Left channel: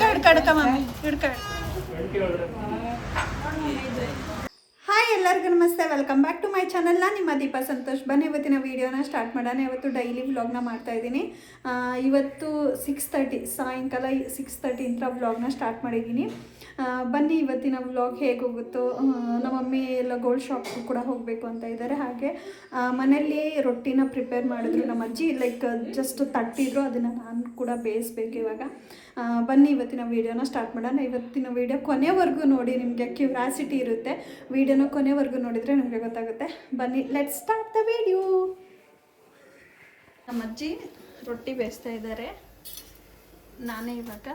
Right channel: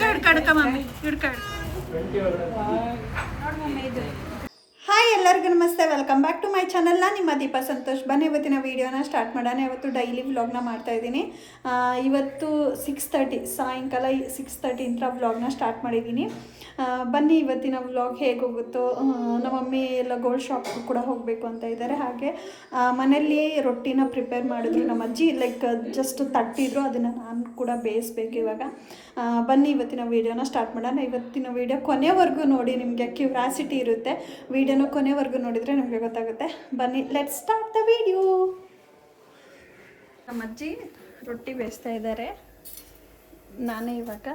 Mummy hi ಎಲ್ಲರಿಗೂ ನಮಸ್ತೆ welcome back to my channel. ನಾನು ನಿಮ್ಮ ದೀಪಾ ಸಂತೋಷ್. ಬನ್ನಿ ಇವತ್ತಿನ ವೀಡಿಯೋನ ಸ್ಟಾರ್ಟ್ ಮಾಡೋಣ. ಇವತ್ತು ಡೈಲಿ ವ್ಲಾಗ್ನ ಮಾಡ್ತಾ ಇದ್ದೀನಿ. ಆ, ಇವತ್ತು ಸಿಕ್ಸ್ ತರ್ಟಿ ಸಾಯಂಕಾಲ ಸಿಕ್ಸ್ ತರ್ಟಿಯಿಂದ ವ್ಲಾಗ್ನ ಸ್ಟಾರ್ಟ್ ಮಾಡಿದ್ದೀನಿ. ಬನ್ನಿ, ಇವತ್ತಿನ ವ್ಲಾಗ್ ಹೇಗೆ ಹೋಗುತ್ತೋ ನಮ್ಮ ಮಮ್ಮಿ ಎಲ್ಲ ಗೋಲ್ಡ್ ಶಾಪ್ಗೂ ಕೂಡ ಹೋಗಬೇಕು ಅಂತ ಇದ್ದಾರೆ ಹಾಗೆ ಮನೆಯಲ್ಲಿ ರೊಟ್ಟಿನ ಪ್ರಿಪೇರ್ ಮಾಡಿದ್ರು ನಮ್ಮ ಅಜ್ಜಿ. ಲೈಕ್ ಜಸ್ಟ್ ತಟ್ಟಿದ್ರು, ಅದನ್ನು ನಾನು ಕೂಡ ಬೇಯಿಸ್ಬೇಕು ಇವಾಗ. ಬನ್ನಿ, ಇವತ್ತಿನ ವೀಡಿಯೋನ ಸ್ಟಾರ್ಟ್ ಮಾಡೋಣ. ಇವತ್ತಿನ ವೀಡಿಯೋ ಕೊನೆವರೆಗೂ ನೋಡಿ, ನಿಮಗೆ ಕ್ಯೂರಾಸಿಟಿ ಇರುತ್ತೆ. ವೀಡಿಯೋನ ಕೊನೆವರೆಗೂ ನೋಡಿದರೆ ನಿಮಗೆ ಗೊತ್ತಾಗುತ್ತೆ. ಬನ್ನಿ ಲೆಟ್ ಸ್ಟಾರ್ಟ್ ದ ವಿಡಿಯೋ ನಮ್ಮ ಅಜ್ಜಿ ರೊಟ್ಟಿ ಬೇಯಿಸ್ತಾ ಇದ್ದಾರೆ. ನಾನೇ ಇವಾಗ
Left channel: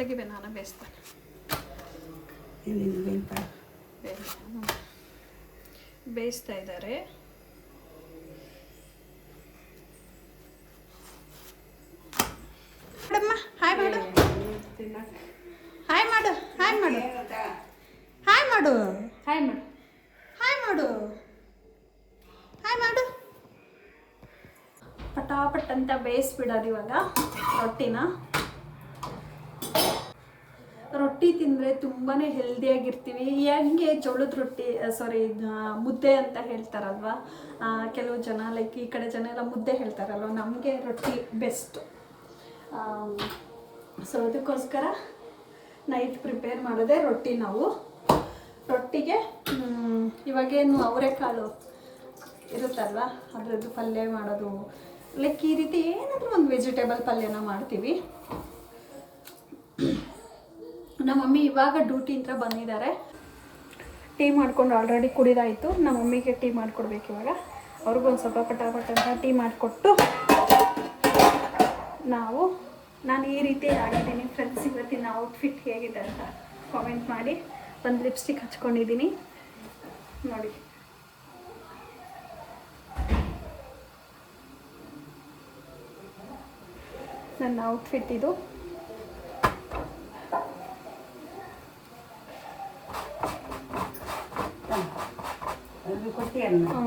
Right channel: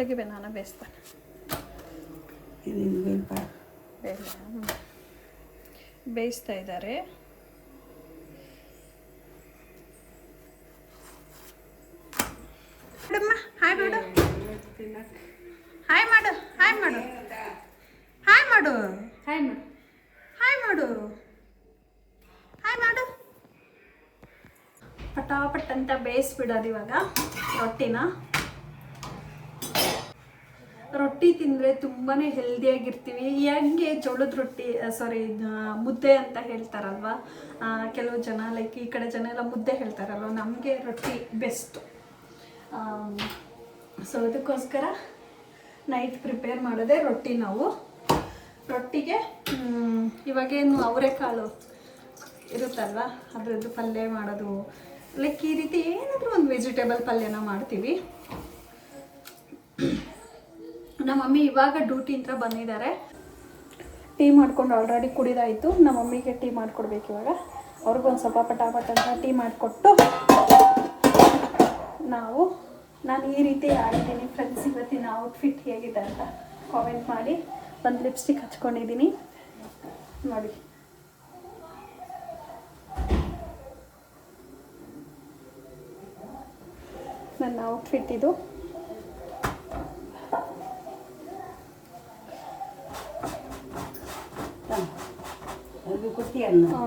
ತೆಗಿಬೇ, ನಾನು ಬೇಯಿಸ್ತಾನೆ. ಬೇಡ. ಹ್ಮ್. ಬೇಯಿಸ್ತಾ ಇದ್ದಾರೆ. ಮೇಡಮ್ಮ ಹಾಯ್ ಮಾಡು. ಹಾಯ್ ಮಾಡು ಹಾಯ್ ಮಾಡು. ಹಾಯ್ ಮಾಡು. ಹಾಯ್ ಮಾಡು ಹಾಯ್ ಮಾಡು. ಹಾಯ್ ಮಾಡು. ಪಟಾಪಟ್ ಅಂತ ಬೇಯಿಸ್ಬಿಡೋದು ಇವಾಗ ರೊಟ್ಟಿನ ರೊಟ್ಟಿ ತಿಂದರೆ ತುಂಬಾ ಹೆಲ್ದಿಯಾಗಿರ್ತೀವಿ ಹೆಂಗೆ ಜೋಳದ ರೊಟ್ಟಿ ಸಾರಿ ಮುದ್ದೆ ಅಂತ ಹೇಳ್ತಾರಲ್ವ? ಕೆಲವು ಜನ ಲೈಕ್ ಈ ಕಡೆ ಜನ ಎಲ್ಲ ಮುದ್ದೆ ಹೇಳ್ತಾರಲ್ವ? ನಮಗೆ ರೊಟ್ಟಿ ಬೆಸ್ಟು ಸೊ ಅದಕ್ಕೋಸ್ಕರ ನೈಟ್ ಪ್ರಿಪೇರ್ ಮಾಡೋದೇ ರೊಟ್ಟಿ ನಾವು. ರೊಟ್ಟಿಗೆ ಇವಾಗೇನು ಅವರೆಕಾಳು ಇರುತ್ತಲ್ವ? ಅದರದ್ದು ಪಲ್ಯ ಮಾಡೋದು. ಲೈಕ್ ಈ ರೀತಿ ಏನಾದರೂ ಒಂದು ವೆಜಿಟೇಬಲ್ ಪಲ್ಯನ ಮಾಡ್ತೀವಿ. ನಮ್ಮ ಮಮ್ಮಿ ಇವಾಗ ಡ್ಯೂಟಿಯಿಂದ ಬಂದಿದ್ದಾರೆ. ಟೀ ಮಾಡ್ಕೊಂಡು ಆಲ್ರೆಡಿ ಕುಡಿದಾಯಿತು. ನಮ್ಮ ಮಮ್ಮಿಗೆ ಟೀ ಮಾಡಿಕೊಡ್ಬೇಕು ಇವಾಗ. ಅವ್ರಿಗೊಂದು ಸ್ವಲ್ಪ ಪಟಾಪಟ್ ಅಂತ ಟೀ ಮಾಡಿಕೊಟ್ಟು ನಾವು, ನಾನು ಈ ರೀತಿ ಆಗಿದ್ದೀನಿ ಫ್ರೆಂಡ್ಸ್ ಇವತ್ತಿನ ಔಟ್ಫಿಟ್ ಹೇಗಿದೆ ಅಂತ ಕಾಮೆಂಟ್ ಮಾಡಿ. ಒಂದು ಲಿಪ್ಸ್ಟಿಕ್ ಹಚ್ಕೊಂಡಿದ್ದೀನಿ. ನೋಡಿ. ನನ್ನ ಔಟ್ಫಿಟ್ ಇದು. ಹ್ಞೂ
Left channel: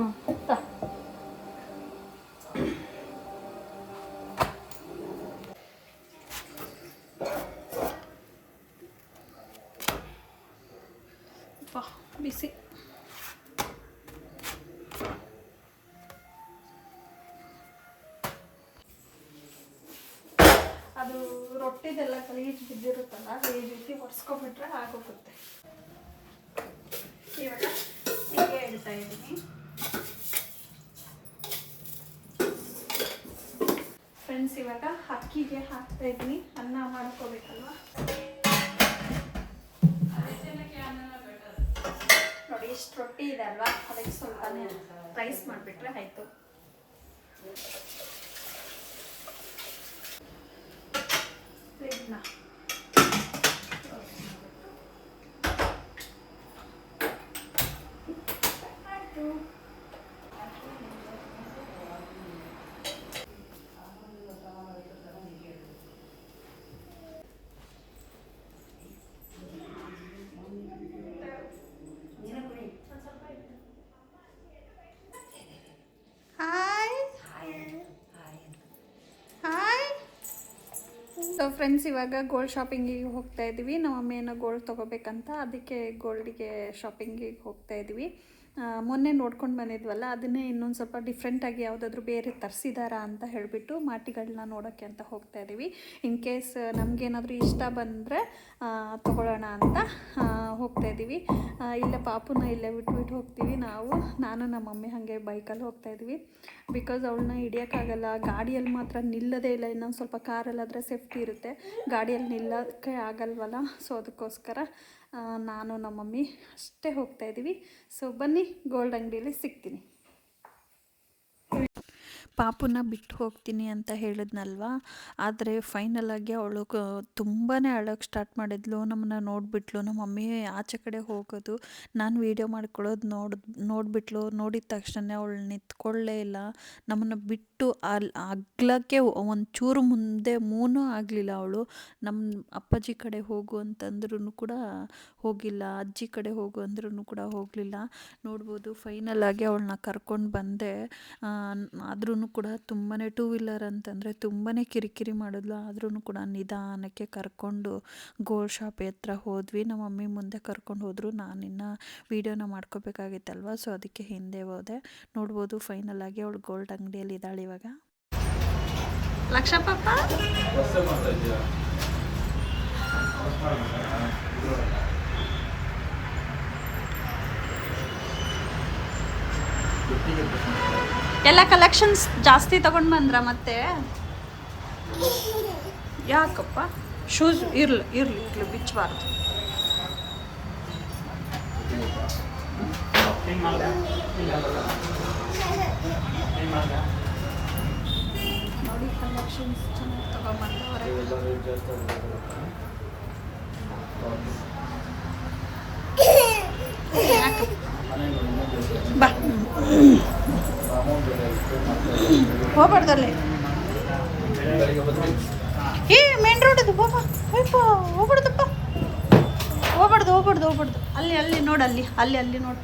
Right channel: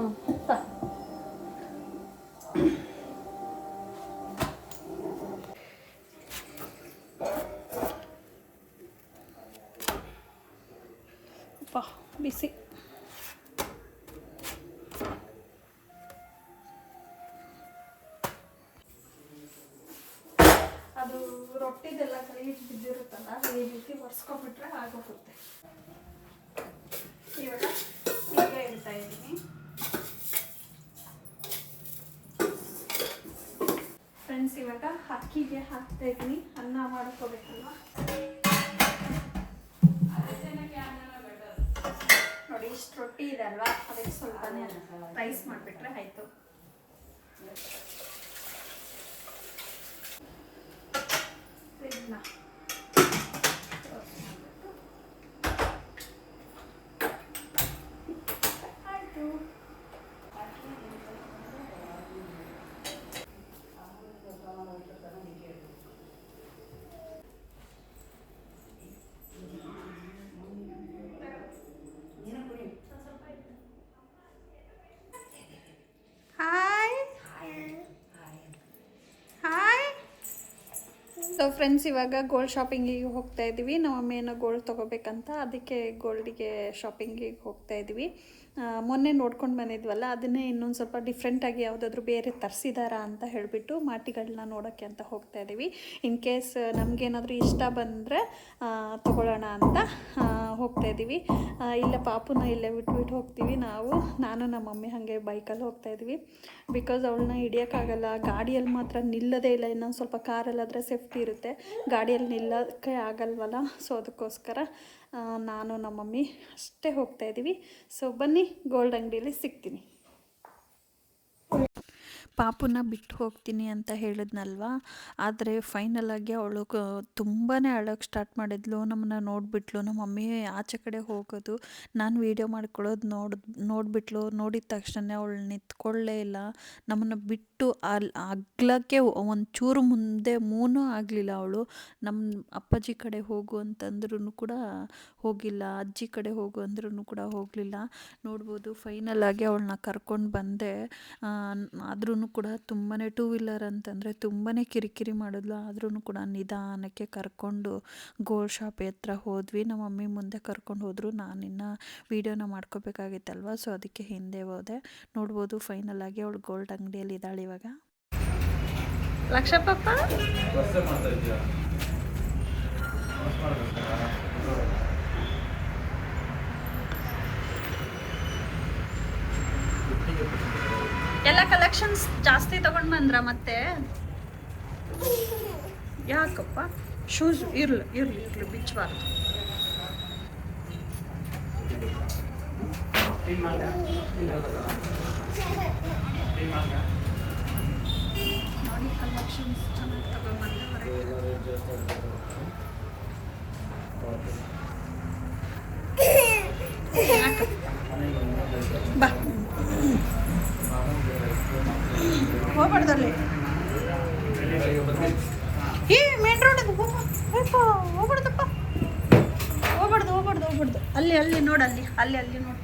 ತ ಬಿಸಿ ಅದು ರೊಟ್ಟಿದೆಲ್ಲ ಗಲೀಜು ಬಿದ್ದಿರುತ್ತಲ್ಲ ಈ ರೀತಿ ಒರೆಸ್ಕೊಬಿಟ್ರೆ ಆಗೋಗುತ್ತೆ. ಇವಾಗ ಇಡ್ತಾ ಇದ್ದೀನಿ. ಫ್ರೆಂಡ್ಸ್ ಇವಾಗ ಅಕ್ಕಿಗೆ ಹಾಕ್ತಾ ಇದ್ದೀನಿ. ಅನ್ನ ಮಾಡ್ಕೋಬೇಕಲ್ವಾ? ನೋಡಿ, ಇಷ್ಟು ರೊಟ್ಟಿ ಇದೆ ಅಲ್ವಾ? ಅದಕ್ಕೆ ಸ್ವಲ್ಪನೇ ರೈಸ್ ಮಾಡಿಬಿಟ್ರೆ ಆಯಿತು. ಇದನ್ನ ಆಯಿತು ಹಾಯ್ ಹಾಯ್ ಸೊ ಫ್ರೆಂಡ್ಸ್ ಇವಾಗ ಗೋಲ್ಡ್ ಶಾಪಿಂಗಿಗೆ ಹೋಗ್ತಾ ಇದ್ದೀವಿ ನಮ್ಮ ಅಮ್ಮ ಏನೋ ಗೋಲ್ಡ್ ತೊಗೋಬೇಕಂತ. ಅದಕ್ಕೆ ಗೋಲ್ಡಿಗೆ ಶಾಪಿಂಗಿಗೆ ಹೋಗ್ತಾ ಇದ್ದೀವಿ ಮೊನ್ನೆ ನೋಡ್ಕೊಂಡು ಬಂದಿದ್ವಲ್ಲ, ಅದನ್ನೇ ಇನ್ನೊಂದು ಸ್ವಲ್ಪ ಡಿಫ್ರೆಂಟಾಗಿ ಯಾವುದಾದ್ರೂ ಬೇರೆ ತರಿಸಿದಾರಾ ಅಂತ ಹೇಳಿಬಿಟ್ಟು ಮಾಟಿಗಳನ್ನ ನೋಡೋಕ್ಕೆ ಅಂತ ಹೋಗ್ತಾ ಇದ್ದೀವಿ ಇನ್ ಕೇಸ್ ನಮಗೇನಾದರೂ ಇಷ್ಟ ಬಂದರೆ ತೊಗೊಳ್ಳೋಣ ಅಂತ ಹೋಗ್ತಾ ಇದ್ದೀವಿ ಇಲ್ಲ ಪಾಪುನ ಇಲ್ಲೇ ಬಿಟ್ಬಿಟ್ಟು ಹೋಗ್ತೀವಿ ನಾವು. ನಾನು ನಮ್ಮ ಮಮ್ಮಿ ಹಾಗೆ ಬೈಕಲ್ಲಿ ಹೋಗ್ತಾ ಇದ್ವಿ. ಬಿಕಾಸ್ ಅವಳನ್ನ ಹಿಡಿಯೋಕ್ಕಾಗಲ್ಲ, ಗಾಡಿಯಲ್ಲಿ ಮಾತ್ರ ನಿಲ್ಲದೇ ಇಲ್ಲ, ಇನ್ನೊಂದು ಸ್ವಲ್ಪ ಕಾರಲ್ಲಾದರೆ ಸೇಫ್ಟಿ ಇರುತ್ತೆ. ಗಾಡಿಯಲ್ಲಿ ನಿಲ್ಲೋಕ್ಕೆ ಆಗಲ್ವಲ್ಲ ಸೊ ಅದಕ್ಕೋಸ್ಕರ ನಾನು ನಮ್ಮ ಮಮ್ಮಿ ಅಷ್ಟೇ ಹೋಗ್ತಾ ಇದ್ದೀವಿ ಸೊ ಬನ್ನಿ ಗೋಲ್ಡ್ ಅಂಗಡಿಯಲ್ಲಿ ಸಿಗ್ತೀನಿ. ಪಾಪುನ ಬಿಟ್ಟು ಹೋಗ್ತೀನಿ ಅಂತ ಹೇಳಿದ್ನಲ್ವಾ? ಆದರೆ ಫೈನಲ್ ಆಗಿ ಅವಳು ತುಂಬಾ ಅಳೋಕ್ಕೆ ಸ್ಟಾರ್ಟ್ ಮಾಡಿದ್ಲು. ನಮ್ಮನ್ನ ನೋಡಿಬಿಟ್ಲು. ನಮ್ಮ ಮಮ್ಮಿ ಆಚೆ ಕಡೆ ಹೋಗೋದು. ನಾನು ವೀಡಿಯೋ ಮಾಡ್ಕೊಳ್ಳೋದು ನೋಡ್, ನೋಡಿಬಿಟ್ಲು. ನೋಡಿದ ತಕ್ಷಣ ಅವಳು ನಿಂತ್ಕೊಳ್ಳೇ ಇಲ್ಲ. ನಮ್ಮನ್ನು ಬಿಟ್ಟು ಅಲ್ಲಿ ಅಗ್ಲಕ್ಕೆ ಒಂಚೂರು ಚೂರು ಮುಂದೆ ಮೂನೂ ಆಗಲಿಲ್ಲ ಅವಳು. ನಮ್ಮ ಅಪ್ಪಾಜಿ ಕಡೆ ಹೋಗು ಅಂತಂದ್ರೂ ಕೂಡ ಹೋಗಿಲ್ಲ. ಅಜ್ಜಿ ಕಡೆ ಹೋಗು ಅಂದ್ರೂ ಕೂಡ ಹೋಗಲಿಲ್ಲ. ನೋಡ್ಬೋದು ಫೈನಲ್ ಆಗಿ ಅವಳನ್ನ ಕರ್ಕೊಂಡು ಬಂದೆ. ಆದ್ರೂ ಕೂಡ ತುಂಬಾ ಟೂ ವೀಲರ್ ಅಂತಂದರೆ ತುಂಬಾ ಕಿರಿಕಿರಿ ಮಾಡಿದ್ಲು. ಆದ್ರೂ ಕೂಡ ನಿಧಾನಕ್ಕೆ ಕರ್ಕೊಂಡು ಗೋಲ್ಡ್ ಶಾಪ್ ಹತ್ರ ಹೋದ್ವಿ. ನಮ್ಮ ಮಮ್ಮಿ ಮುಂದೆ ಕರ್ಕೊಂಡು ಹೋದರು. ನಾನಿನ್ನು ವೀಡಿಯೋನ ಮಾಡ್ಕೋಬೇಕಾಗಿತ್ತಲ್ವ? ಸೊ ಅದಕ್ಕೆ ಹಿಂದೆ ಹೋದೆ. ನೋಡ್ಬೋದು ಫೈನಲ್ ಆಗಿ ಅವಳು ಗೋಲ್ಡ್ ಅಂಗಡಿಯಲ್ಲಿ ಇದ್ದಾಳೆ ಇವಾಗ. ಲಕ್ಷ ಪಾಪ ಎಲ್ಲ ಕಲೆಕ್ಷನ್ಸ್ ಜಾಸ್ತಿ ತಗೊಂಡ್ ಬಂದ್ರ ಮತ್ತೆ? ಯಾಕಪ್ಪ? ಶೂಸ್ ಇರ್ಲಿ ಇರ್ಲಿ ಇರ್ಲಿ ಬಿಚ್ಚಬಾರ್ದು ನೋಡಿ ಕಲೆಕ್ಷನ್ಸ್ ಚೆನ್ನಾಗಿ ತಗೊಂಡ್ಬಂದವ್ರೆ ಯಾಕಪ್ಪ? ಬಾ. ಹೋಗ್ಬಾರ್ದಲ್ಲಿ? ಏ ಮೇನ್ ರೋಡ್ ಅದು ಬಾಬಾ ಅಯ್ಯಪ್ಪ ಹೋಗ್ಬಾರ್ದಪ್ಪ ಹೋಗ್ಬಾರ್ದು ಹೋಗ್ಬಾರ್ದು ಹೋಗ್ಬಾರ್ದು. ಅಲ್ಲಿ ಅಲ್ಲಿ, ನೋಡು, ಅಲ್ಲಿ ಅಲ್ಲಿ ಅಲ್ಲಿ, ನೋಡು.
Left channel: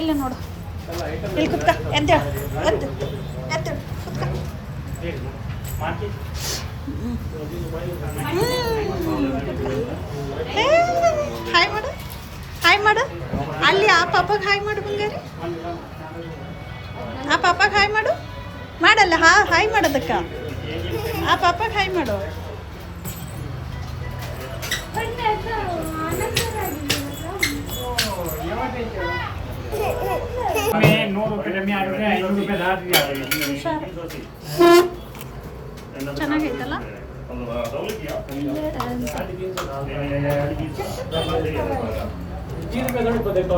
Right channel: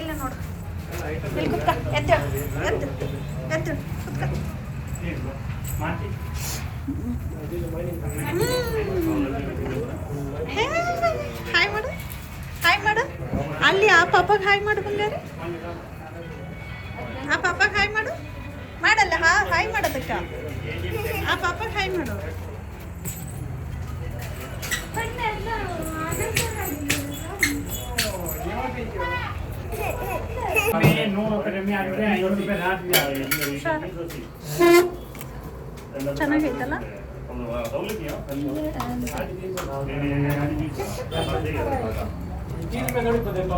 ಎಲ್ಲಿ ನೋಡು? ಇಲ್ಲಿ ಕುತ್ಕ ಎದ್ದ ಎದ್ದು ಎದ್ದು ಕುತ್ಕ. ಹಾಯ್ ಮಾಡು. ಹಾಯ್ ಮಾಡು. ಅಲ್ಲಿ ಆ ಪಾಪಗೆ ಹಾಯ್ ಮಾಡು ಬಂಗಾರಿ. ಆ ಪಾಪ ಹಾಯ್ ಮಾಡು. ಮಾಡಲ್ಲ, ಹಾ, ಹಾಯ್ ಮಾಡೋದಕ್ಕ. ಆ ಪಾಪ ಹಾಯ್ ಮಾಡು. ಚೆನ್ನಾಗೈತಲ್ಲ?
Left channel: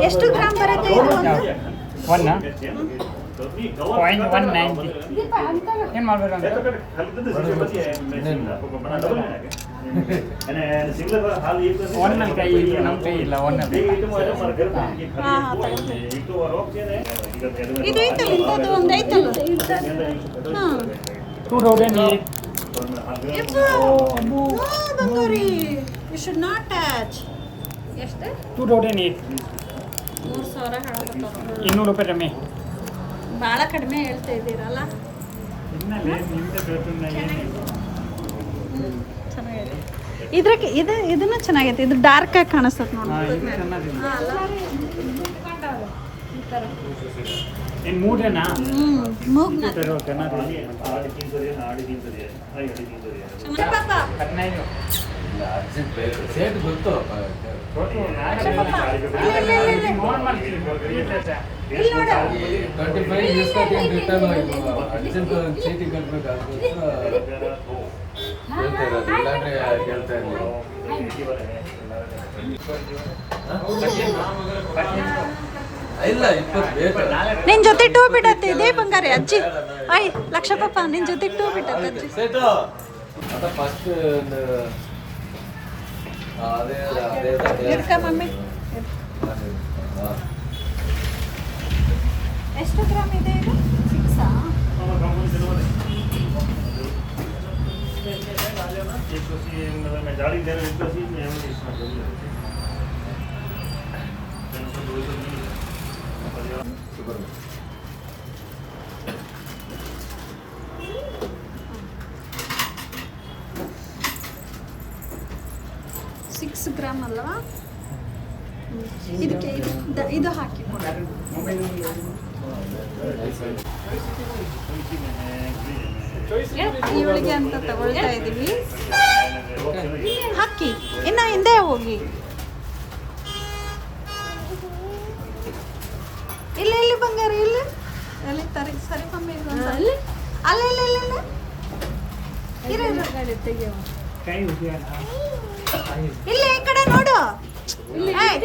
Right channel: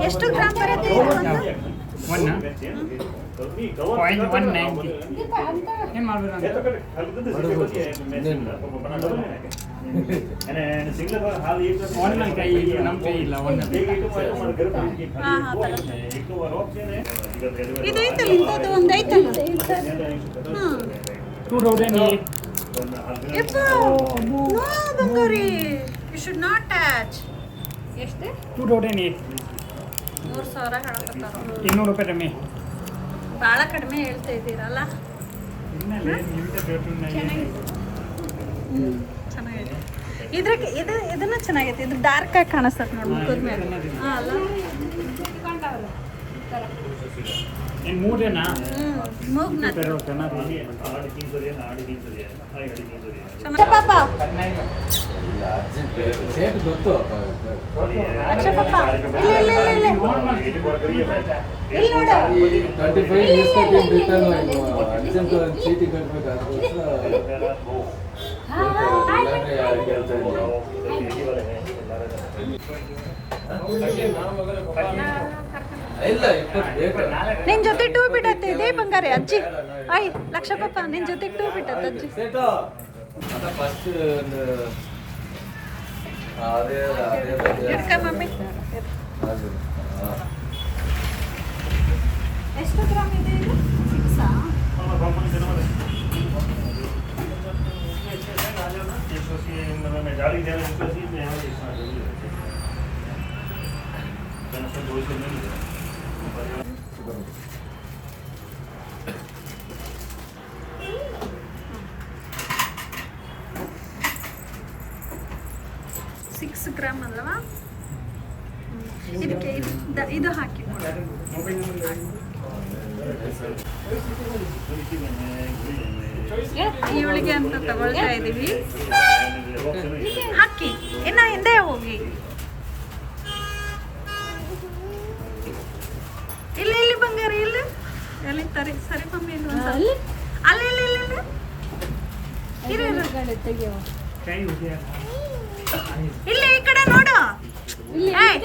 ಎಷ್ಟು ಗ್ರಾಮ್ ಬರುತ್ತೆ ಪಾಯಿಂಟ್ ಒನ್ ನೈಂಟಿ ಏನು ಮಾಡ್ಬೇಕು ಅಂತ ಒನ್ನಲ್ಲಿ ಕೈ ಇಲ್ಲ ನಮ್ಮ ಕೈ ಇಲ್ಲ. ಒನ್ನಲ್ಲಿ ಟೂ ತೌಸಂಡ್ ಏಟ್ ಯಪ್ಪ ನೋ ಬಂಗಾರಿ ಯು ಶುಡ್ ನಾಟ್ ಟಚ್ ಎಷ್ಟು? ಟೂ ತೌಸಂಡ್ ಏಟ್ ಇನ್ನೂರು ರೂಪಾಯಿ ಕಮ್ಮಿ. ಭಾಳ ಕಡಿಮೆ ಹೇಳ್ತಾ ಇದ್ದೀರಲ್ಲ? ಚೆನ್ನಾಗಿದೆ. ಇದ್ರಾಗೆ ಇದು ಇದನ್ನ ಚೆನ್ನಾಗೈತೆ. ಇದು ಡಾರ್ಕ್ ಆಗಿ ಕಾಣಿಸ್ತದೆ ನೋಡಿ. ಫೈವ್ ಇಸ್ಕೊಟ್ಟು ರಿಟರ್ನ್ ಅರ್ಜೆಂಟ್ ಚೀಟಿ ಬೇಕು. ನಿನ್ ಜೊತೆ ಟೂ ಬಿಡತ್ತೆ. ಇದೇ ಬಂಗಾರೆ ಅಜ್ಜಿ. ಅಯ್ ಲಕ್ಷ ಪಾಪ ನಿನ್ ಜೊತೆ ಟೂ ಬಿಟ್ಟತ್ತೆ ಅಜ್ಜಿ. ಫಸ್ಟ್ ಅದೇ ಅದೇ ಅದೇ ಹಿಡ್ಕ ಮಮ್ಮಿ ಅದೇ ಹಾಂ ಎಷ್ಟು ಗ್ರಾಮ್ ಇದೆ ಇದು? ಸಿಕ್ಸಾ ಸಿಕ್ಸ್ ಗ್ರಾಮ್ ಅಲ್ವಾ? ಇದಕ್ಕೆ ಇದು- ಹಾಕಿ. ಇವಳಿಗೆ ಅಂತ ತಗೊಳ್ತಾ ಇದೀವಿ ಹಾಕಿ ಇನ್ನ ಹಿಂದೆ ಹೋಗಿ. ಇಲ್ಲ ಇಲ್ಲಿ ಬಂಗಾರಿ ಇಲ್ಲ. ಎಲ್ಲಿ ತರಿ ಸರಿ ಮಮ್ಮಿ ಇಲ್ಲ ಅಂತ ಅಲ್ಲಿ ಅಲ್ಲಿ ಇಲ್ಲ ಇಲ್ಲ ಇಲ್ಲ. ಇರು, ಇಲ್ಲ ಈ ಕಡೆ ನೋಡು. ಏಯ್,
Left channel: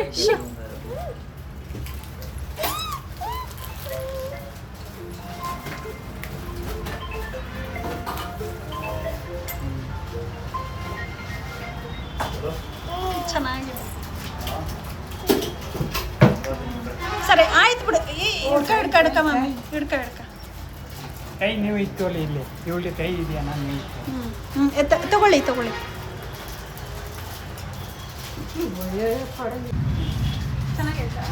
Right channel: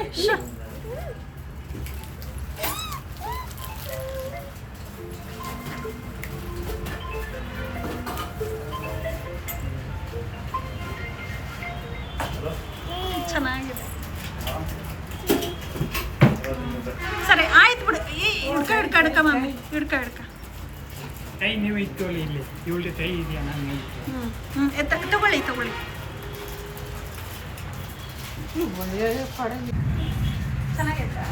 ಚೆನ್ನಾಗಿದೆ. ಸರಿ ಆಯ್ತು ಬಿಡು. ಹಿಡ್ಕ ಹಿಡ್ಕ ಹಿಡ್ಕ ಮಮ್ಮಿ ಹಿಡ್ಕ ಹಿಡ್ಕ. ಕೈ ನೀವು ಇತ್ತು ಅಲ್ಲಿ ಇಲ್ಲಿ ಇವಳಿಗೆ ಕೈ ಇದೆಯಾ? ನಾನು ಹ್ಞೂ ಹ್ಞೂ ಎತ್ತ ತಗೊಳ್ಳಿ ತಗೊಳ್ಳಿ. ಚೆನ್ನಾಗೈತಾ?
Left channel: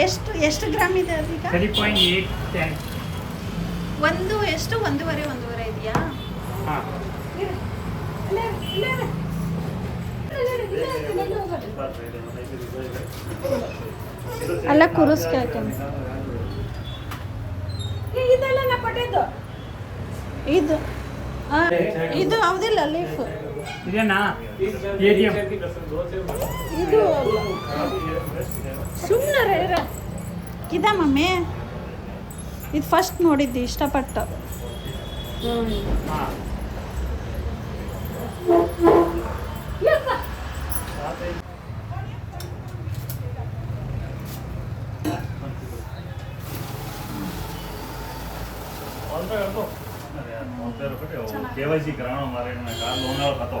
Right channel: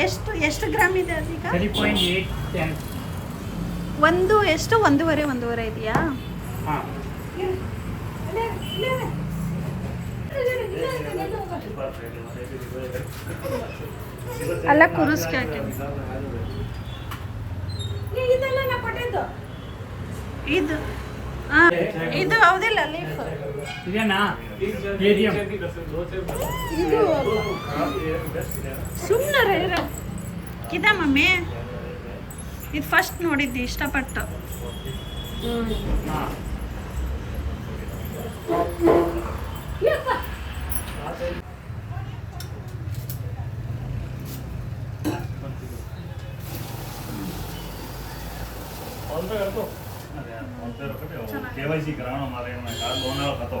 ಎಷ್ಟು ಎಷ್ಟು ಗ್ರಾಮ್ ಇದೆ ಅದೀಗ? ತ್ರೀ ಪಾಯಿಂಟ್ ಏಯ್ಟ್ ಟೆನ್ ಒಂದು ಎಷ್ಟು? ಒಂದೂವರೆ ಒಂದೂವರೆ ಇದೆಯಾ? ಹಾಂ. ಅಲ್ಲ ಕುರುಸ್ಕೆ ಹಾಕಿ ಇದೆಲ್ಲ ನಾ ಕೊಟ್ಟಿದ್ದು ಇದು ಆ, ಇದು ಹೌದಿಲ್ಲ ಲೀಫ್ ಇದೇನಾ? ಎಟಿಎಂ ಇದು ಸುಮ್ಮನೆ ಇದ ಮಮ್ಮಿ. ಇದು ಫಸ್ಟ್ ನೋಡಿದ್ದು ಇಷ್ಟಪಟ್ಟು. ಕೆ ವೈ ಸಿ ಕರಾವಣ ಮಾರೇಣ ಕಾರ್ ಲೋನ್ ಕತ್ತೋ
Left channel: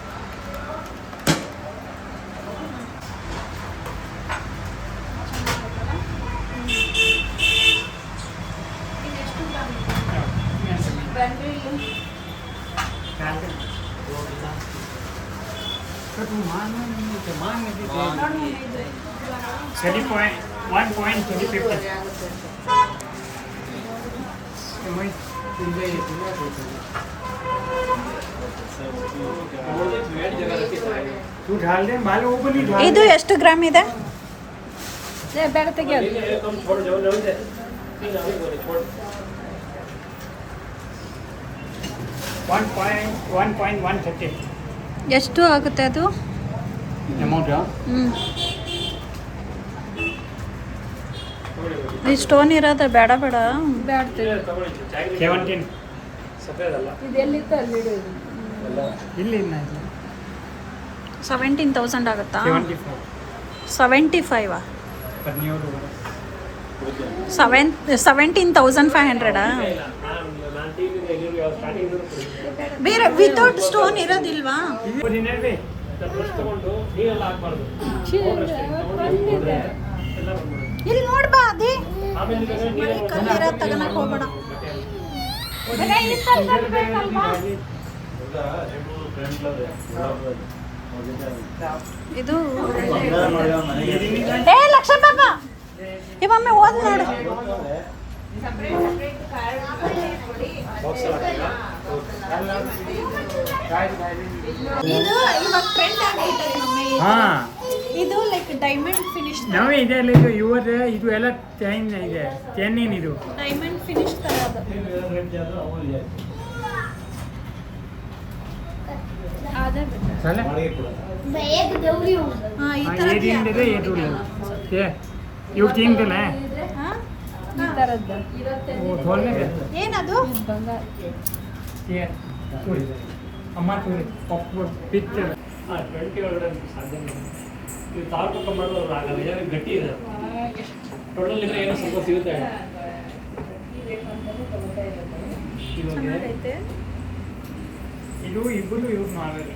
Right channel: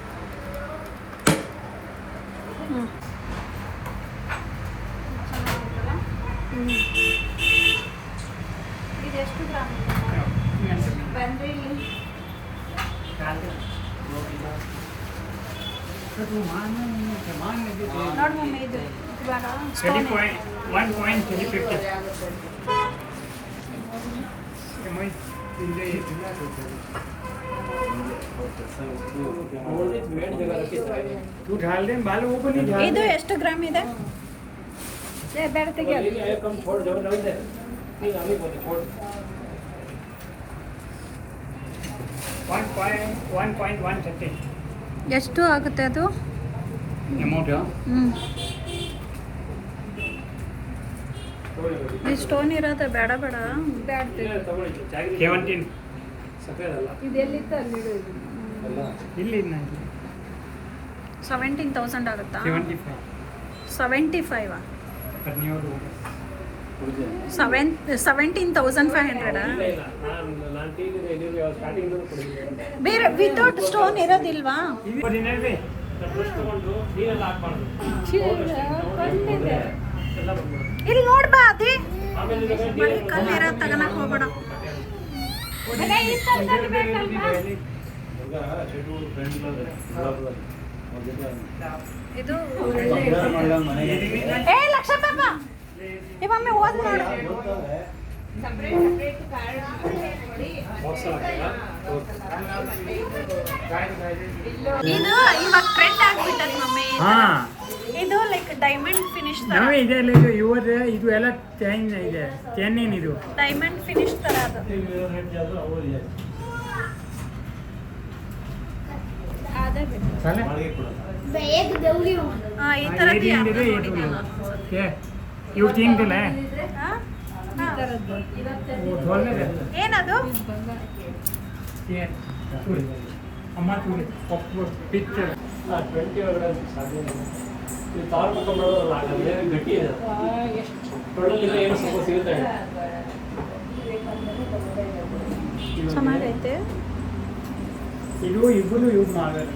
Twenty point one point twenty fifty. Come on, ಇದು ಎಷ್ಟು ಗ್ರಾಮ್ ಇದೆ? ಎಷ್ಟು ಆಗುತ್ತೆ ಅದು? ಈ ಸ್ಟೋನ್ ಇರೋದು ಬೇಡ ಬೇಡ. ಬೇಡ ಸೆವೆಂಟೀನ್ ಸಫೇದಲ್ಲ ಇದೆಲ್ಲಿ ತಲ್ಲಿ ಇದೆ ಇದು ಇನ್ನ ಇಲ್ಲ. ಇಲ್ಲಿ. ಸೆವೆಂಟೀನ್ ತೌಸಂಡ್ ಆಗುತ್ತಾ? ಸೆವೆಂಟಿ ಫೈವ್ ಸೆವೆಂಟಿ ಫೈವಾ ಸೆವೆನ್ ಸೆವೆಂಟೀನ್ ತೌಸಂಡ್ ಫೈವ್ ಹಂಡ್ರೆಡಾ ಬೇರೆ ವಿತೌಟ್ ಸ್ಟೋನ್ ಇರೋದಿಲ್ವಾ? ಇಲ್ಲಿ ನೋಡ್ಬಾ ಅದೇ. ಕಲ್ಲಿರೋ ತಗೋಣಕ್ ಹೋಗ್ಬೇಡ. ಇದು ಏ ಲಕ್ಷ ಏ ಮಮ್ಮಿ ಓದ್ ನೋಡು. ಇದು ಇವಾಗ ಟ್ರೆಂಡ್ ಆಗ್ಬಿಟ್ಟದ ಮಮ್ಮಿ. ಹಾ. ಇದು ಲೈಕ್ ಡೈಮಂಡ್ ಫಿನಿಶ್ ನಾವೇ ಇದೆ ಅಲ್ಲ ಇದು ಇವತ್ತು ಇದು ಎಲ್ಲ ಚೈನ್ ಇದೆ ಚೈನ್ ಇದು ಡೈಮಂಡ್ ಫಿನಿಶ್ ತರ ಅದು ಅದೇ ಸಲ? ఏది ఏంటిదే ఏటూ లేదు ఏ ಇವ್ರು ತಿಂತಿಲ್ಲ ಓ ಥೋಲ್ನೇ ಬೇಕು ಏನದು? ಏ ಚೂರಿ ಅಮ್ಮ ಪಿಕ್ಚರ್ ಸಾಧ್ಯ ಏನು ಗಟ್ಟಿ ಇದೆ? ಏನು ಸ್ವಲ್ಪ ಸಿಗುತ್ತೆ ಚೆನ್ನಾಗೈತೆ. ಇದು ಇಬ್ಬರು ಯೂಸ್ ಮಾಡೋದು.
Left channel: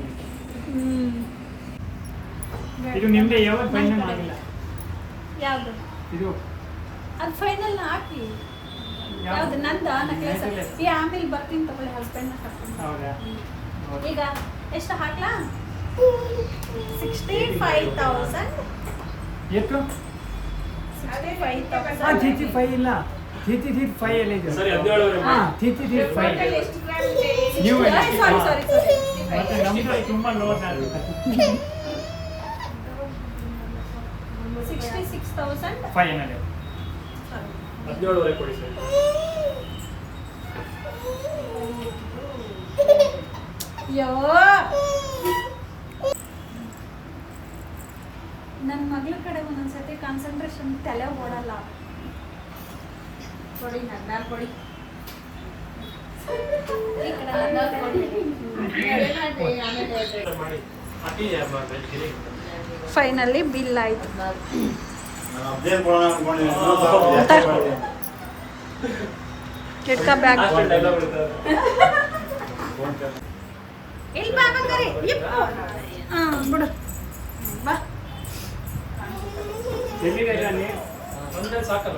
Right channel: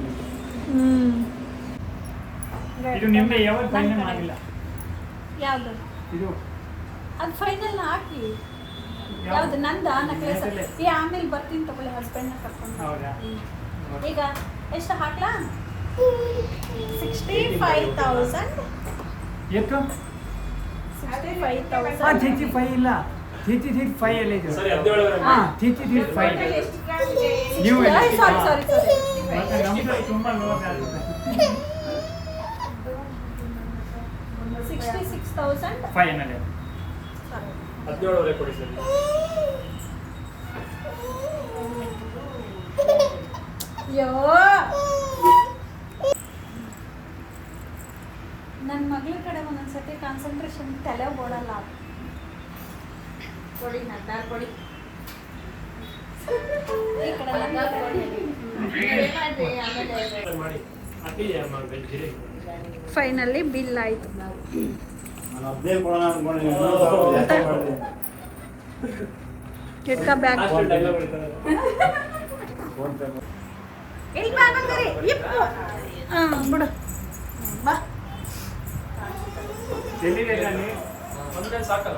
ಇದು ನಿಮ್ದೆ ಯಾವತ್ತು ಫೈನಲ್ ಆಗಿಲ್ಲ? ಯಾವುದು? ಇದು. ಅದು ಫೈನಲ್ ಹಾಕಿ. ಯಾವ್ದು? ನಂದ? ನಕ್ಲೇಸ್ ಈ ಆಮೇಲೆ ಬರ್ತೀನಿ ತಗೊಳ್ಳಿ ಹಸ್ಬೆಂಡ್ ಕರ್ಕೊಂಡು ಹೌದಾ? ಈಗ ಎಷ್ಟು ಹಾಕ್ಲಾ? ಸಿಕ್ಸ್ಟಿ ಫೈವ್ ತೌಸಂಡ್ ಎಷ್ಟು ಸಿಕ್ಸ್ಟಿ ಫೈವ್ ಇಲ್ಲ. ಥೀಟಿ ಥೀಟ್ ಫೈ ಎಲ್ಲ ಇದೆ. ಹಾಂ ಥೀಟಿ ಥೀಟ್ ಫೈ ನೀವು ಎಲ್ಲ ಸಾರಿ ಸಾರಿ ಸಾರಿ ಮತ್ತೆ ನಮ್ದು ತುಂಬಾ ಲೋಸ್ ಆಗುತ್ತೆ. ಹದಿನೇಳುವರೆ ಕೊಡಿ ಸರ್. ಯೋ. ನನ್ನ ಮಗಳ ಕಡೆ ಒಂದೊಂದ್ಸತಿ ಕಾನ್ಸಂಟ್ರೇಷನ್ ತಲೆ ಓಡಲ್ಲ. ಕೊಡಿ ನನ್ನ ಕೊಡಿ. ಫೈನಲಿ ಬಿಲ್ ಆಯ್ತು. ಇಟ್ಕ ಬ್ಯಾಗ್ ಬಿಡು. ಬಾ. ಸಾಕಲ್ಲ.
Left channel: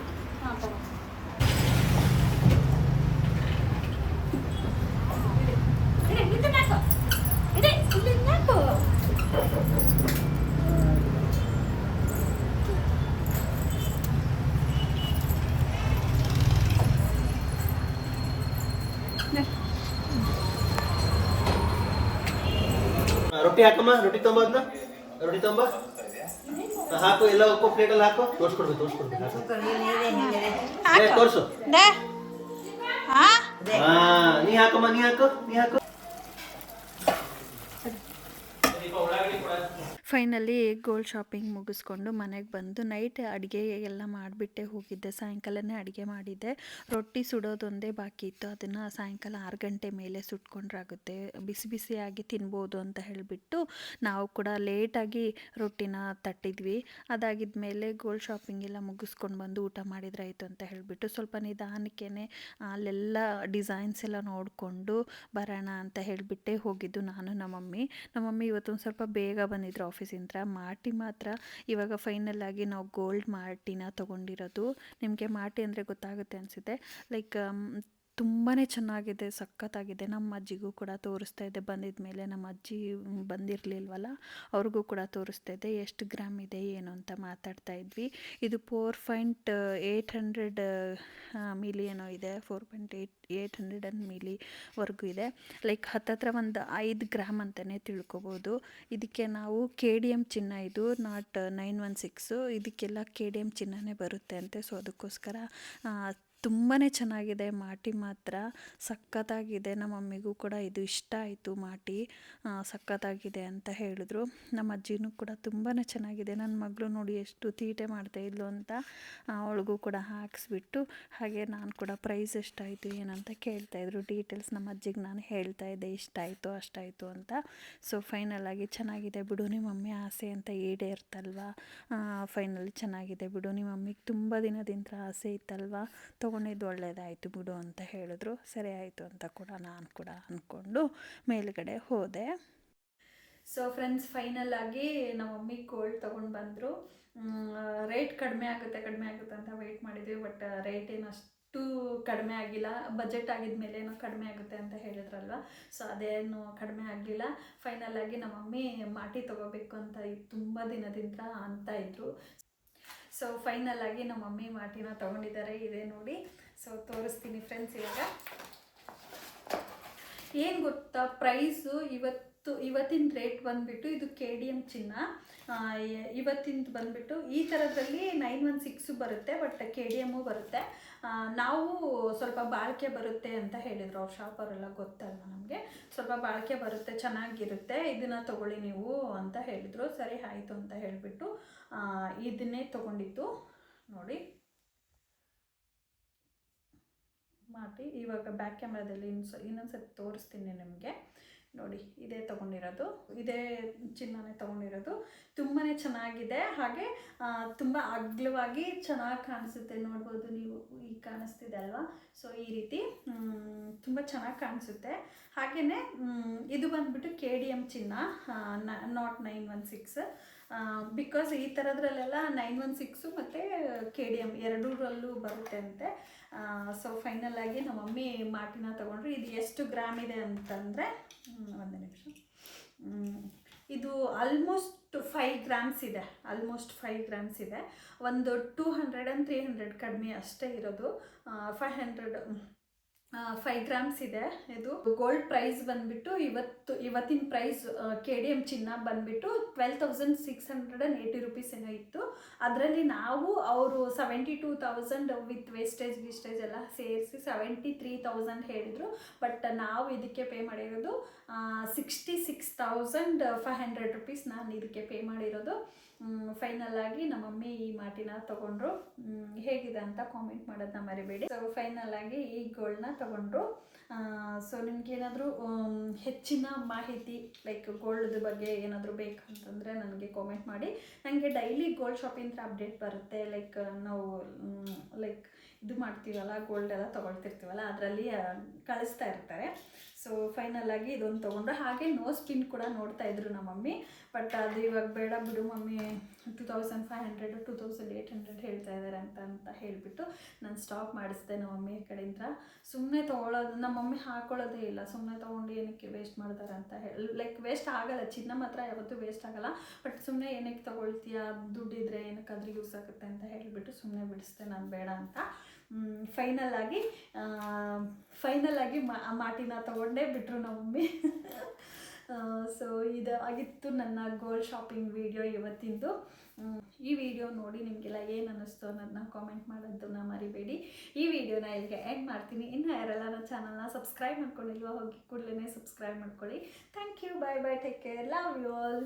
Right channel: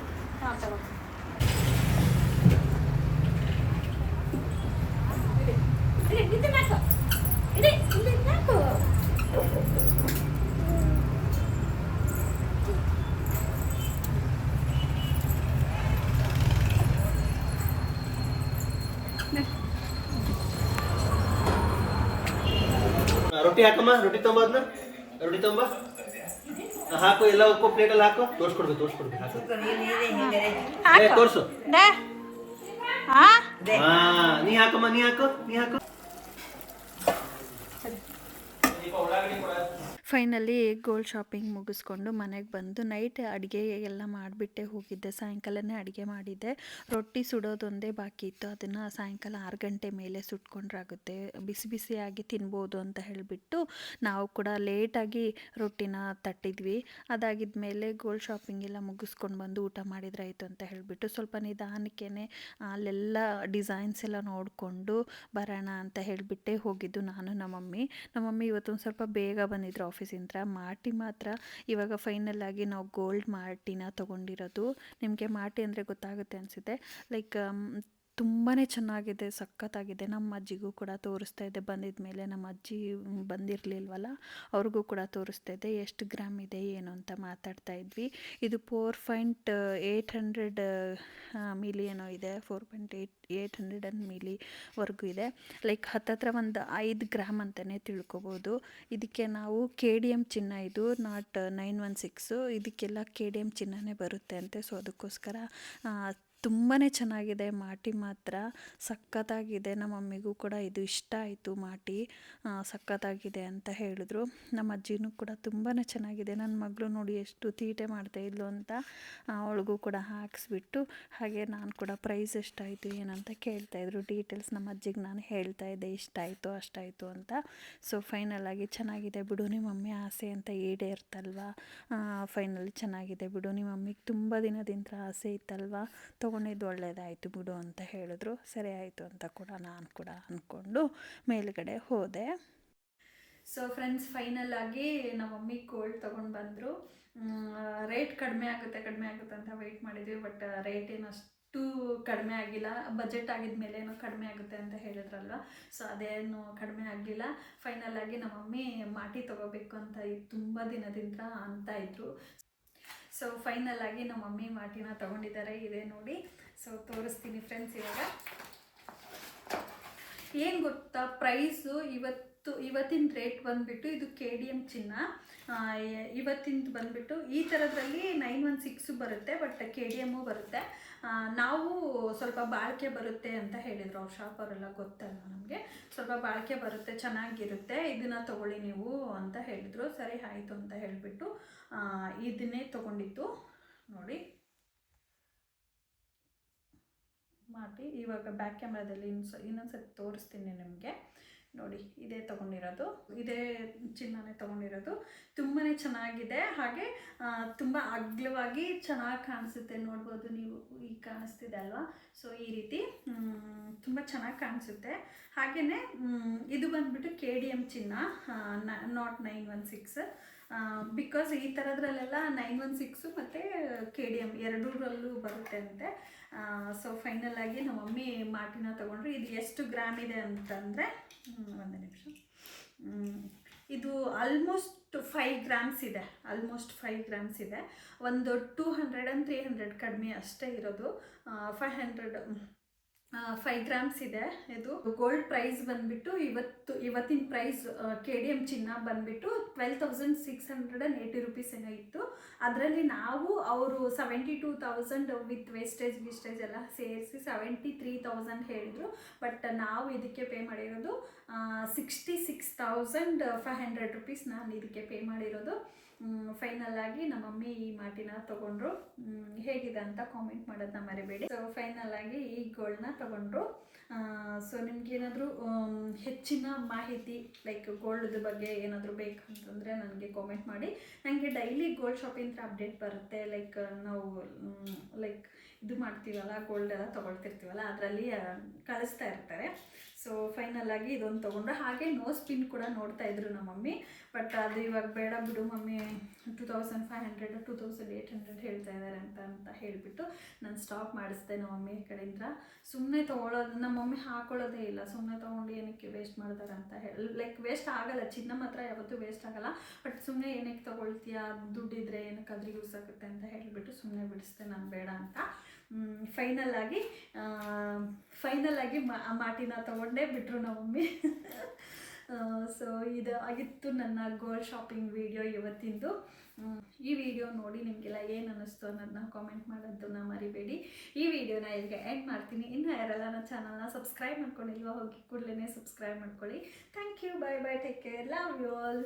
ರೊಟ್ಟಿ ಹಾಕಮ್ಮ ರೊಟ್ಟಿ ತೊಂಬ ಅದನ್ನ ರೊಟ್ಟಿ ತೊಂಬ? ಹಾಕು ಎಲ್ಲ ಒಕ್ಕೋ ಪ್ಲೇಟಲ್ಲಿ ಹಾಕು. ತೋರ್ಸ್ಕೊಡ್ಬೇಕು ತೋರ್ಸ್ಕೊಡ್ಬೇಕು ಹಾಕು. ತೋರ್ಸು. ನೀ ಹಾಕಮ್ಮ ನೀ ಹಾಕು ನೀ ಹಾಕು. ಫೈನಲಿ ಗೋಲ್ಡ್ ಶಾಪಿಂಗ್ ಮುಗಿಸ್ಕೊಂಡು ಮನೆಗೆ ಬಂದು ನೈಟ್ ಅಡುಗೆ ಎಲ್ಲ ಮಾಡಿಬಿಟ್ಟೆ ಹೋಗಿದ್ದೆ. ಸಾಯಂಕಾಲನೇ ಅಡುಗೆ ಮಾಡಿದ್ದೆ. ರೊಟ್ಟಿ ಸುಡೋದೊಂದೇ ಬಾಕಿ ಇತ್ತು. ಅದನ್ನು ಸಾಯಂಕಾಲ ಆರು ಗಂಟೆ ಮೇಲೆ ಸುಟ್ಕೊಂಡ್ರಾಗುತ್ತೆ. ಬಿಸಿ ಬಿಸಿಯಾಗಿ ತಿನ್ಬೋದು ಅಂತ ಹೇಳಿಬಿಟ್ಟು ನಾವು ಕೂಡ ಲೇಟಾಗಿ ರೊಟ್ಟಿನ ತಟ್ಟಿದ್ವಿ. ಅದಾಗಿದ ಮೇಲೆ ಗೋಲ್ಡ್ ಶಾಪಿಂಗ್ ಎಲ್ಲ ಮುಗಿಸ್ಕೊಂಡು ಬಂದು ಊಟ ಮಾಡಿದ್ರಾಯಿತು ಅಂತ ಹೇಳಿಬಿಟ್ಟು ಸ್ವಲ್ಪ ನಿಧಾನಕ್ಕೇ ಅಲ್ಲೆಲ್ಲ ಡಿಸೈನ್ಸ್ ಎಲ್ಲ ನೋಡಿಕೊಂಡು ಬರೋಣ ಅಂತ ಹೇಳಿಬಿಟ್ಟೆ ಹೋಗಿದ್ದು ನಾನು ನಮ್ಮ ಮಮ್ಮಿ ನಮ್ಮ ಮಮ್ಮಿ ಇವತ್ತೊಂದು ಸ್ವಲ್ಪ ಬೇಗ ಬಂದಿದ್ರು ಆಫೀಸಿಂದ ಮಾರ್ಟಿ ಮಾತ್ರ ಇವಾಗ ಫೈನಲ್ ಆಗಿ ನಾವು ಗೋಲ್ಡ್ ಮಾರ್ಟಿನ ತೊಗೊಂಡಿರೋದು. ನಿಮಗೆ ಮಾರ್ಟಿ ಅಂದರೆ ಗೊತ್ತಾಗುತ್ತೆ ಅನಿಸುತ್ತೆ. ಲೈಕ್ ತುಂಬಾ ಚೆನ್ನಾಗಿದೆ, ಸಖತ್ತಾಗಿದೆ. ನಮ್ಮ ಅಜ್ಜಿಗೂ ಕೂಡ ತೋರಿಸ್ತಾ ಇದ್ದೆ ಬಂದಿದ ಮೇಲೆ ನಮ್ಮ ಅಜ್ಜಿ ಬಂದಿರಲಿಲ್ವಲ್ಲ, ಅವ್ರಿಗೂ ಕೂಡ ತೋರಿಸ್ತಾ ಇದ್ದೆ ಎಷ್ಟು ಗ್ರಾಮ್ ಇದೆ, ಏನು ಅಂತ ಮಾತಾಡ್ತಾ ಇದ್ವಿ. ಇದು four point eight hundred milli ಏನೋ ಇದೆ. Four point eight eight hundred and ಮಿಲಿವರೆಗೂ ಇದೆ. ಲೈಕ್ ಹತ್ತತ್ರ ಒಂದು ಐದು ಗ್ರಾಮ್ ಅಂತಲೇ ತಿಳ್ಕೊಬೋದು. ಇದಕ್ಕೆ ನಾವು ಕೆ ಡಿ ಎಂ ಚಿನ್ನ ಇದು ನಾಟ್ ನೈನ್ ಒನ್ ಸಿಕ್ಸು ಇದಕ್ಕೆಲ್ಲ ಕೆ ಡಿ ಎಂ ಚಿನ್ನನೇ ಬರುತ್ತೆ ಅಂತೆ. ಸೊ ಅದಕ್ಕೋಸ್ಕರ ತುಂಬಾ ಚೆನ್ನಾಗಿದೆ ಮಾಟಿ ಮಾತ್ರ. ಸಖತ್ತಾಗಿದೆ ನಮ್ಮ ಮಮ್ಮಿಗೂ ಕೂಡ ಇದು ಇಷ್ಟ ಆಯಿತು ಮಾಟಿ. ಸಖತ್ತಾಗಿದೆ ಅಂತ ಹೇಳಿದ್ರು. ನಮ್ಮ ಅಜ್ಜಿನೂ ಕೂಡ ತುಂಬಾ ಚೆನ್ನಾಗಿದೆ. ನನ್ನ ಮಗಳು ನೋಡಿ ಎಷ್ಟು ತೀಟೆ ಮಾಡ್ತಾಯಿದ್ಲು ಅಂತ ಅವಳಿಗೂ ಕೂಡ ಹಾಕಿಸ್ಬಿಟ್ಟು, ಹಾಗೆ ನಾನು ಕೂಡ ಪ್ರೈಸ್ ಎಷ್ಟಾಯಿತು ಏನಂತ ಕೇಳ್ತಾಯಿದ್ರು ಡೀಟೇಲ್ಸ್ ನಮ್ಮ ಅಜ್ಜಿಗೆ ನಾನು ಹೇಳ್ತಾ ಇದ್ದೆ ಇಷ್ಟಾಯಿತು ಅಷ್ಟಾಯಿತು ಅಂತ. ಸೊ ಫೈನಲ್ ಆಗಿ ಚೆನ್ನಾಗಿದೆ ಬಿಡು ನಿಮ್ಮ ಮಮ್ಮಿ ಆಸೆ ಅಂತ ಈಡೇರ್ತಲ್ವಾ? ಫೈನಲಿ ಚೆನ್ನಾಗಿದೆ ಬಿಡು ನಿಮ್ಮ ಮಮ್ಮಿಗೆ ತುಂಬ ದಿನದಿಂದ ಆಸೆ ಇತ್ತಲ್ವಾ? ತೊಗೊಂಡಿದ್ದು ಒಳ್ಳೇದಾಯಿತು ಬಿಡು ಅಂತ ಹೇಳಿದ್ರು. ಸರಿ ಆಯಿತು ಅಂತ ಕೂಡ ನಾನು ಕೂಡ ಅಂದ್ಕೊಂಡು ಮೇಲುಗಡೆ ಹೋದೆ. ಸೊ ಫ್ರೆಂಡ್ಸ್ ಫೈನಲ್ ಆಗಿ ನಮ್ಮ ಮಮ್ಮಿ ಕೋಲ್ಡ್ ತೊಗೊಂಡು ಬಂದರು. ರೇಟ್ ಕಡಿಮೆ ಆಗುತ್ತೆ ಕಡಿಮೆ ಆಗುತ್ತೆ ಅಂತ ವೆಯ್ಟ್ ಮಾಡಿದ್ವಿ ಬಟ್ ರೇಟ್ ಏನು ಅಷ್ಟು ಕಡಿಮೆ ಆಗಿಲ್ಲ. ಬಜೆಟ್ ಆಗಿದ ಮೇಲೆ ಏನೋ ಕಡಿಮೆ ಆಗುತ್ತೆ ಅಂತ ಹೇಳಿದ್ರಲ್ವ? ಸೊ ಅದೇನು ಕಡಿಮೆ ಆಗಲಿಲ್ಲ. ಫೈನಲ್ ಆಗಿ ನಮ್ಮ ಮಮ್ಮಿ ಮಾಟಿ ತೊಗೋಬೇಕು ಅಂತ ತುಂಬ ದಿನದಿಂದ ಅಂತ ಇದ್ರು. ಸೊ ಫೈನಲ್ ಆಗಿ ನಮ್ಮ ಮಮ್ಮಿ ಮಾತಿನ ತಗೊಂಡಿದ್ದಾರೆ. ಇದೆ ನೋಡಿ. ಸೊ ತೋರಿಸ್ತೀನಿ ಫ್ರೆಂಡ್ಸ್ ಇವಾಗ. ಏನು ಗೊತ್ತಾ? ಪ್ರೈಸು ಇವತ್ತು ಇವತ್ತಿನ ರೇಟ್ ಬಂದುಬಿಟ್ಟು ಇದು ಕೆ ಡಿ ಎಂ ಚಿನ್ನ. ಇವತ್ತಿಂದು ಬಂದುಬಿಟ್ಟು ಈ ಥರದ್ರಲ್ಲಿ ನೈನ್ ಒನ್ ಸಿಕ್ಸು ಬರುತ್ತೆ ಬಟ್ ಕೆ ಡಿ ಎಮ್ಮು ಬರುತ್ತೆ. ನಾವು ಸ್ವಲ್ಪ ಬಾಳಿಕೆ ಬರುತ್ತೆ ಅಂತ ಹೇಳಿದರು ಅವ್ರ ಶಾಪವರೆಲ್ಲ ಗೊತ್ತಲ್ಲ ನಮಗೆ? ಸ್ವಲ್ಪ ಬಾಳಿಕೆ ಬರುತ್ತೆ, ಚೆನ್ನಾಗಿರುತ್ತೆ, ಇದನ್ನು ತಗೊಳ್ಳಿ ನೀವು ಅಂತ ಹೇಳಿದರು. ಸರಿ, ಆಯಿತು ಅಂತ ಹೇಳಿಬಿಟ್ಟು ಇದನ್ನೇ ತೊಗೊಂಡಿತ್ತು ನೋಡಿ. ಮಾಡಿ ಇವಾಗ ಬ್ಯಾಕ್ ಕ್ಯಾಮ್ರಾದಲ್ಲಿ ಇನ್ನೊಂದು ಇನ್ನೊಂದ್ಸತಿ ತೋರಿಸ್ತೀನಿ ನಿಮಗೆ. ನೋಡಿ, ಇದೇ ತೊಗೊಂಡಿರೋದು. ಇದೇ ಚಿನ್ನನೇ ತೊಗೊಂಡಿರೋದು. ತುಂಬಾ ಚೆನ್ನಾಗಿದೆ. ಹಾಗೆ ತುಂಬ ಅಗ್ಲವಾಗಿ ಚೆನ್ನಾಗಿ ಕಾಣಿಸುತ್ತೆ. ನೋಡ್ಬೋದು ನೀವು ಈಗ ಕಾಣಿಸ್ತಿದೆ ಅಲ್ವಾ? ಸೊ ಈ ರೀತಿ ತುಂಬ ಚೆನ್ನಾಗಿ ಕಾಣಿಸುತ್ತೆ. ಹಾಗೆಯೇ ಇದು ಬಂದುಬಿಟ್ಟು ಕೆ ಡಿ ಎಂ ಚಿನ್ನ not nine one six because ಈ ಥರದ್ರಲ್ಲೆಲ್ಲ ನೈನ್ ಒನ್ ಸಿಕ್ಸು ಮತ್ತು ಕೆ ಡಿ ಎಂ ಎರಡೂರಲ್ಲೂ ಬರುತ್ತೆ ಅಂತೆ. ಸೊ ಫೈನಲ್ ಆಗಿ ನಮ್ಮ ಮಮ್ಮಿ ಮಾಟಿನ ತೊಗೊಂಡ್ರು. ಇದು ಎಷ್ಟು ಗ್ರಾಮ್ ಇದೆ ಅಂತಂದರೆ ಒಂದು ನಿಮಿಷ. ಇದು ಆಲ್ಮೋಸ್ಟ್ ಫೈವ್ ಗ್ರಾಮ್ಸ್ ಇದೆ. ಆಲ್ಮೋಸ್ಟ್ ಫೈವ್ ಗ್ರಾಮ್ಸ್ ಇದೆ. ಒಂದು two hundred and three hundred ಕಡಿಮೆ ಅಷ್ಟೇ ಇರೋದು. ಫೈವ್ ಹಂಡ್ರೆಡ್ ಫೈವ್ ಗ್ರಾಮ್ಸ್ ಇದೆ. ಇದು ಗೋಲ್ಡ್ ಪ್ರೈಸ್ ಬಂದ್ಬಿಟ್ಟು ಇವತ್ತು, ಇವತ್ತಿನ ಪ್ರೈಸ್ ಕೆ ಡಿ ಎಂ ಚಿನ್ನ ಬಂದ್ಬಿಟ್ಟು twelve thousand six hundred and eighty rupees ಏನೋ ಇತ್ತು. ಅದರಲ್ಲಿ ನಾವು ಅವರು seventy two thousand with wastage ಗಿಸ್ಟೇಜ್ ಎಲ್ಲ ಸೇರಿಸಿ ಸೆವೆಂಟಿ ತ್ರೀ ತೌಸಂಡ್ ಹೇಳಿದ್ರು. ಬಟ್ ನಾವು ಇದಕ್ಕೆ ಪೇ ಮಾಡಿರೋದು sixty six thousand five hundred rupees ನಾನು ಇದಕ್ಕೆ ಪೇ ಮಾಡಿರೋದು. ಫೈನಲ್ ಆಗಿ ನಮ್ಮ ಮಮ್ಮಿ ಈ ಮಾಟಿನ ತಗೊಂಡ್ರು. ಹೇಗಿದೆ ಅಂತ ಕಾಮೆಂಟ್ ಮಾಡೋದನ್ನ ಮರಿಬೇಡಿ. ಸೊ ಫೈನಲ್ ಆಗಿ ಈ ಗೋಲ್ಡ್ನ ತಗೊಂಡ್ರು. ಸೊ ನಿಮ್ಗೆ ಏನಾದರೂ ಹೆಚ್ಚಿನ ಮಾಹಿತಿ ಲೈಕ್ ಗೋಲ್ಡ್ ಬಗ್ಗೆ ಏನಾದರೂ ಬೇಕಂತಂದರೆ ನನಗೆ ಕಾಮೆಂಟ್ ಮಾಡಿ. ನನಗೆ ಡೈಲಿ ಗೋಲ್ಡ್ ಶಾಪಿಂಗ್ ಅಪ್ಡೇಟ್ ಬರುತ್ತೆ. ಲೈಕ್ ನಾವು ಲೈಕ್ ಇದು ಮಾಡ್ತೀವಲ್ಲ ಗೋಲ್ಡ್ ಎಲ್ಲ ತೊಗೊಳ್ತಿರ್ತೀವಲ್ಲ, ಅದರಲ್ಲಿ ಕಳಿಸ್ತಾ ಇರ್ತಾರೆ. ಸೊ ಫೈನಲ್ ಆಗಿ ಇದೊಂದು ತೊಗೊಂಡ್ರೆ ಹಾಗೆ ನೋಸ್ ಪಿನ್ ಕೂಡ ನೋಡ್ತಾ ಇದ್ರು ನಮ್ಮ ಮಮ್ಮಿ. ಬಟ್ ಅದು ಇವಾಗ ಬೇಡ ಬಿಡು mummy two thousand five hundred two thousand eight hundred ಹೇಳ್ತಾ ಇದ್ದಾರೆ ಅಂತ ಅಂತ ಹೇಳಿಬಿಟ್ಟು ನಾನು ಸ್ಟಾಪ್ ಮಾಡಿಸ್ದೆ ನಮ್ಮ ಮಮ್ಮಿ ಕಡೆಯಿಂದ ಸುಮ್ಮನೆ ತೊಗೊಳೋದು, ನಮ್ಮ ಮಮ್ಮಿ ಹಾಕೊಳ್ಳೋದೇ ಇಲ್ಲ. ಸುಮ್ಮನೆ ತೊಗೊಂಡು ಏನಕ್ಕೆ ವೇಸ್ಟ್ ಮಾಡ್ತಾರೆ ಅಂತ ಹೇಳಿ ಲೈಕ್ ವೇಸ್ಟ್ ಆಗಲ್ಲ. ಚಿನ್ನ ಮಾತ್ರ ಯಾವತ್ತೂ ವೇಸ್ಟ್ ಆಗಲ್ಲ. ಬಟ್ ಸುಮ್ಮನೆ ಏನಕ್ಕೆ ತೊಗೊಳ್ತೀಯಾ? ದುಡ್ಡಿದ್ರೆ ಏನಕ್ಕಾದ್ರೂ ಯೂಸ್ ಆಗುತ್ತೆ ಅಂತ ಹೇಳಿಬಿಟ್ಟು ಸುಮ್ಮನೆ ಬಿಡಿಸ್ದೆ, ನಾನು ಬೇಡ ಅಂತ. ಫೈನಲ್ ಆಗಿ ಫೈನಲ್ ಆಗಿ ಮಾಟಿನ ತಗೊಂಡೇ ಬಿಟ್ಟರು ನಮ್ಮ ಮಮ್ಮಿ. ಸೊ ಇದು ಆಗಿತ್ತು ನನ್ನ ಗೋಲ್ಡ್ ಶಾಪಿಂಗ್ ವಿಡಿಯೋ ಇವತ್ತಿಂದು. ಈ ವಿಡಿಯೋ ನೋಡಿ ನಿಮಗೆಲ್ಲ ಏನು ಅನ್ನಿಸ್ತು ಅನ್ನೋದನ್ನ ಕಾಮೆಂಟ್ ಮಾಡೋದನ್ನ ಮರಿಬೇಡಿ. ಈ ವಿಡಿಯೋನ ಇಲ್ಲಿಗೆ ಆ್ಯಡ್ ಮಾಡ್ತೀನಿ. ಇನ್ನು ಯಾರೆಲ್ಲ ನನ್ನ ಚಾನಲ್ನ ಸಬ್ಸ್ಕ್ರೈಬ್ ಮಾಡ್ಕೊಂಡಿಲ್ವೋ ಹೋಗಿ ಕೂಡಲೇ ಸಬ್ಸ್ಕ್ರೈಬ್ ಮಾಡ್ಕೊಳ್ಳಿ. Thank you bye bye take care love you all